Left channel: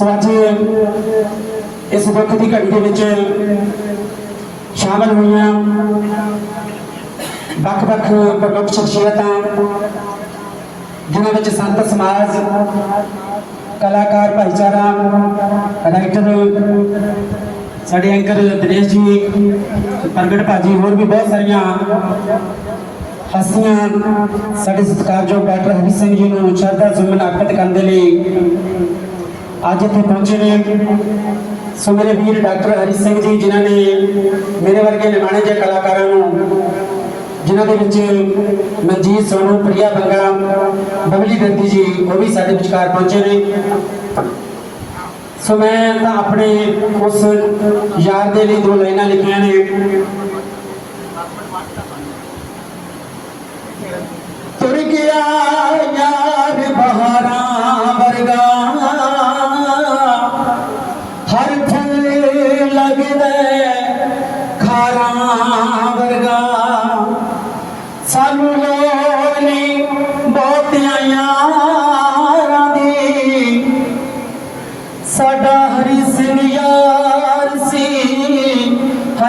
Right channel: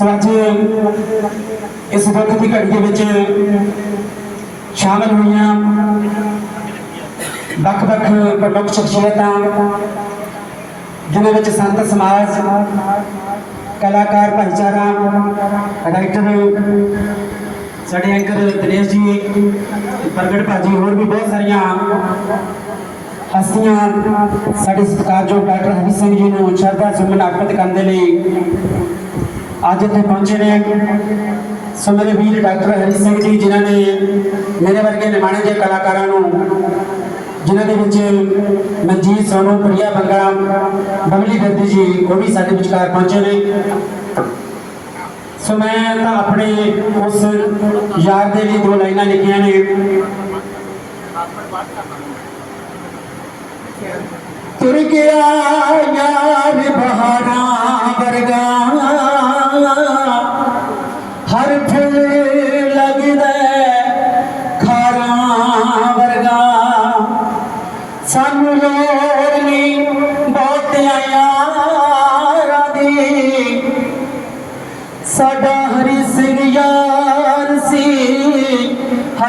ਸੋ ਇਸ ਵਕਤ ਦੀ ਘੜੀ ਦੇ ਵਿੱਚ ਸ਼ਾਮਲ ਹੋਈਆਂ ਵੱਖ-ਵੱਖ ਪ੍ਰਮੁੱਖ ਸ਼ਖਸੀਅਤਾਂ, ਜਿਨ੍ਹਾਂ ਵਿੱਚ ਸੰਤ ਸਮਾਜ, ਕਲਾਕਾਰ, ਭਾਈਚਾਰਾ, ਰਾਈਟਰ, ਸਾਡੇ ਐਂਕਰ ਦਿਨੇਸ਼ ਜੀ, ਪ੍ਰਗਟ ਭਾਜੀ, ਹੋਰ ਵੀ ਬਹੁਤ ਸਾਰੀਆਂ ਹਸਤੀਆਂ ਸਾਡੇ ਸਤਿਕਾਰਯੋਗ ਡਾਕਟਰ ਹਰੀ ਸਿੰਘ ਜੀ ਨੂੰ ਸ਼ਰਧਾ ਸੁਮਨ ਅਰਪਿਤ ਕਰਨ ਦੇ ਲਈ ਅੱਜ ਇੱਥੇ ਪਹੁੰਚੇ ਨੇ ਸੋ ਮੇਰੇ ਵੀਰ ਡਾਕਟਰ ਹਰੀ ਸਿੰਘ ਜੀ, ਜਿਨ੍ਹਾਂ ਨੇ ਮੇਰੇ ਵਰਗੇ ਨਿਮਾਣੇ ਜਿਹੇ ਕਲਾਕਾਰਾਂ ਨੂੰ, ਜਿਨ੍ਹਾਂ ਦੇ ਵਿੱਚ ਮਨਜੀਤ ਸੋਨੂ ਪ੍ਰਿਆ ਬੰਗਾ, ਬਬਲੀ ਦਰਦੀ ਜੀ, ਉਹ ਵੀ ਸਾਡੇ ਵਿਚਕਾਰ ਪਹੁੰਚੇ ਨੇ। ਸੋ ਮੈਂ ਤਾਂ ਆਪਣੇ ਉਸ ਯਾਰ ਦੇ ਲਈ ਦੋ ਲਾਈਨਾਂ ਲਿਖੀਆਂ ਨੇ। ਤੁਰ ਗਿਆ ਯਾਰ ਬਹਾਰਾਂ ਵਰਗਾ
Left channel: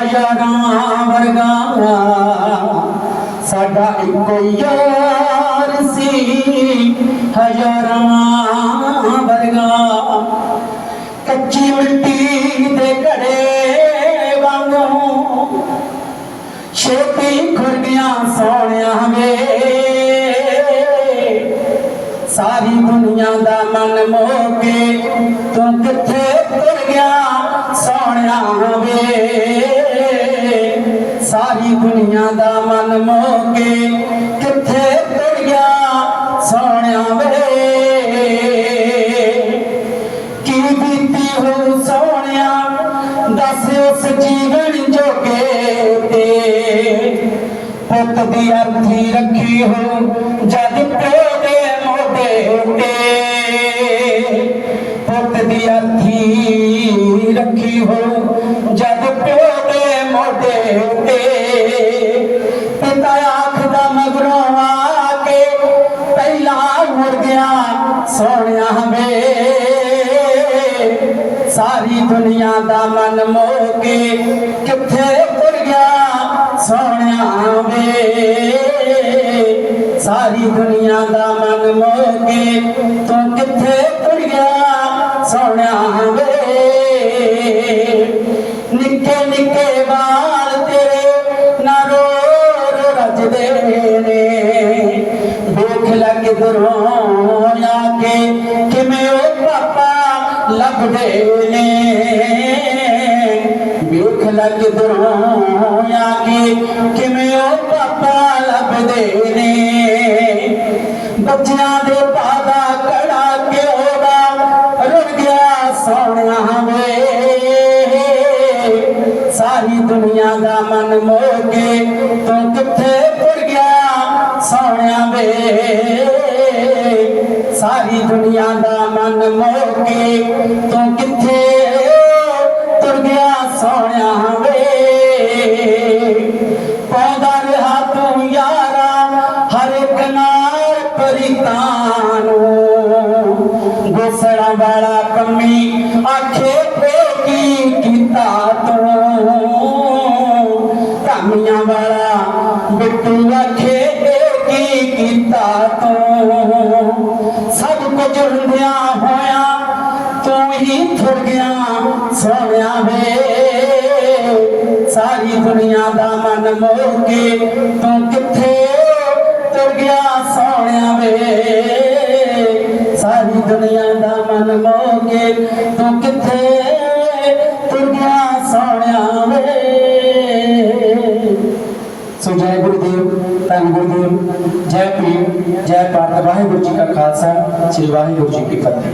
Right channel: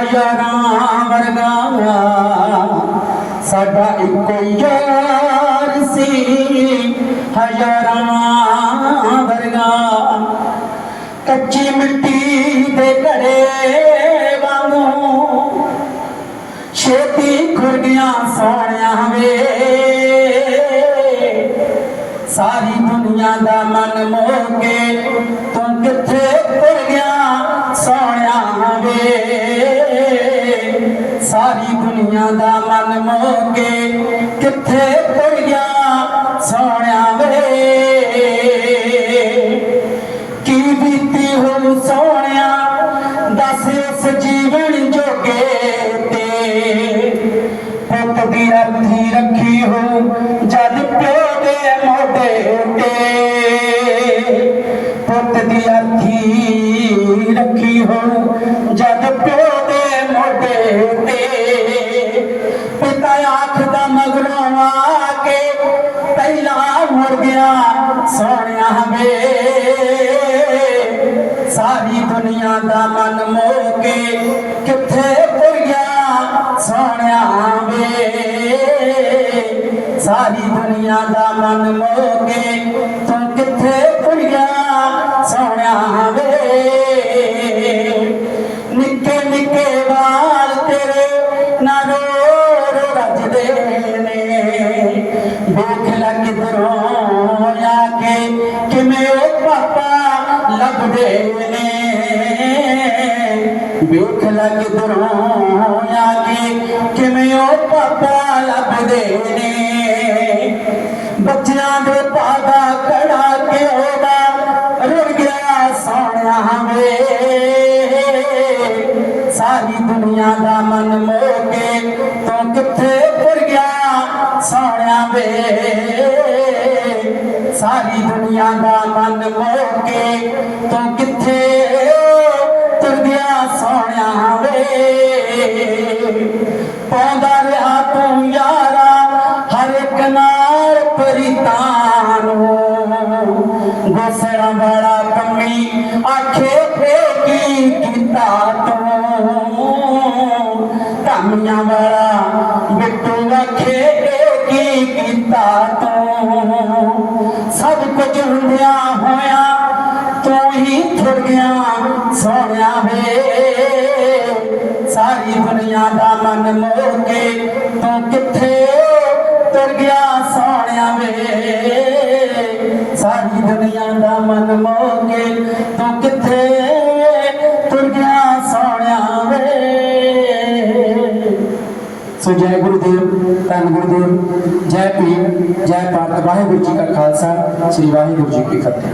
ਹਜ਼ਾਰਾਂ ਵਰਗਾ ਸਾਡਾ ਇੱਕੋ ਯਾਰ ਸੀ। ਹਜ਼ਾਰਾਂ ਵਰਗਾ। ਕੱਚੀ ਮਿੱਟੀ ਦੇ ਘੜੇ ਵਾਂਗੂ। ਛੇਤੀ ਖੁਰ ਗਿਆ ਸੋਹਣਿਆ ਵੇ। ਸਾਰੀ ਦੁਨੀਆ ਦਾ ਮਨ ਮੋਹ ਕੇ ਤੂੰ ਕਿੱਥੇ ਦੱਸ ਉਸ ਜੀਵਨ ਜੋਗੇ ਤੇ ਪੁੱਤ ਦੀ ਅਰਥੀ ਰੱਖੀ ਹੋ ਜਦ ਪਿਓ ਦੇ ਮੋਢੇ ਤੇ ਪੁੱਤ ਦੀ ਅਰਥੀ ਰੱਖੀ ਹੋ ਜਦ ਪਿਓ ਦੇ ਮੋਢੇ ਤੇ ਸਾਰੀ ਦੁਨੀਆ ਦਾ ਮਨ ਮੋਹ ਕੇ ਕਿੱਥੇ ਤੁਰ ਗਿਆ ਸੋਹਣਿਆ ਵੇ? ਸਾਰੀ ਦੁਨੀਆ ਦਾ ਮਨ ਮੋਹ ਕੇ ਤੂੰ ਕਿੱਥੇ ਤੁਰ ਗਿਆ ਸੋਹਣਿਆ ਵੇ? ਨਿੱਕੇ ਨਿੱਕੇ ਵਾਲ ਤੇਰੇ ਨਾ ਰੋ ਰੋ ਰਜਦੇ ਨੇ। ਭੁੱਖ ਲੱਗ ਕਿਧਰੋਂ ਆ ਕੇ ਕਿਵੇਂ ਉਹ ਪਾਪਾ ਲੱਭਦੇ ਨੇ। ਕਿਧਰੋਂ ਆ ਕੇ ਕਿਵੇਂ ਉਹ ਪਾਪਾ ਲੱਭਦੇ ਨੇ? ਬੱਚਿਆਂ ਦੇ ਪਾਦਾ ਕੜਾ ਕੇ ਉਹਦਾ ਰੁੜ ਗਿਆ ਸੋਹਣਿਆ ਵੇ। ਸਾਰੀ ਦੁਨੀਆ ਦਾ ਮਨ ਮੋਹ ਕੇ ਤੂੰ ਕਿੱਥੇ ਤੁਰ ਗਿਆ ਸੋਹਣਿਆ ਵੇ? ਸਾਰੀ ਦੁਨੀਆ ਦਾ ਮਨ ਮੋਹ ਕੇ ਤੂੰ ਕਿੱਥੇ ਨਾਲ ਗੋਸੜਾ ਵਾਲਾ ਕੰਮੀ ਆਖੇ ਫੇ ਕੀਤਾ ਤੂੰ? ਧਾਮੀਆਂ ਵਾਲਾ ਬਿੱਟੂ ਆਖੇ ਇਹ ਕੀਤਾ ਤੂੰ? ਸਭ ਕੁਝ ਹੁੰਦਿਆਂ ਹੋਇਆ ਤੂੰ ਹੀ ਥੁੜ ਗਿਆ ਸੋਹਣਿਆ ਵੇ। ਸਾਰੀ ਦੁਨੀਆ ਦਾ ਮਨ ਮੋਹ ਕੇ ਤੂੰ ਕਿੱਥੇ ਤੁਰ ਗਿਆ? ਮੋਹ ਤੂੰ ਕਿੱਥੇ ਤੁਰ ਗਿਆ ਸੋਹਣਿਆ ਵੇ? ਸੋ ਜੈ ਗੁਰਦੇਵ, ਧੰਨ ਗੁਰਦੇਵ, ਜੈ ਭੀਮ, ਜੈ ਭਾਰਤ, ਵਾਹਿਗੁਰੂ ਜੀ ਕਾ ਖਾਲਸਾ, ਸ੍ਰੀ ਵਾਹਿਗੁਰੂ ਜੀ ਕੀ ਫਤਿਹ।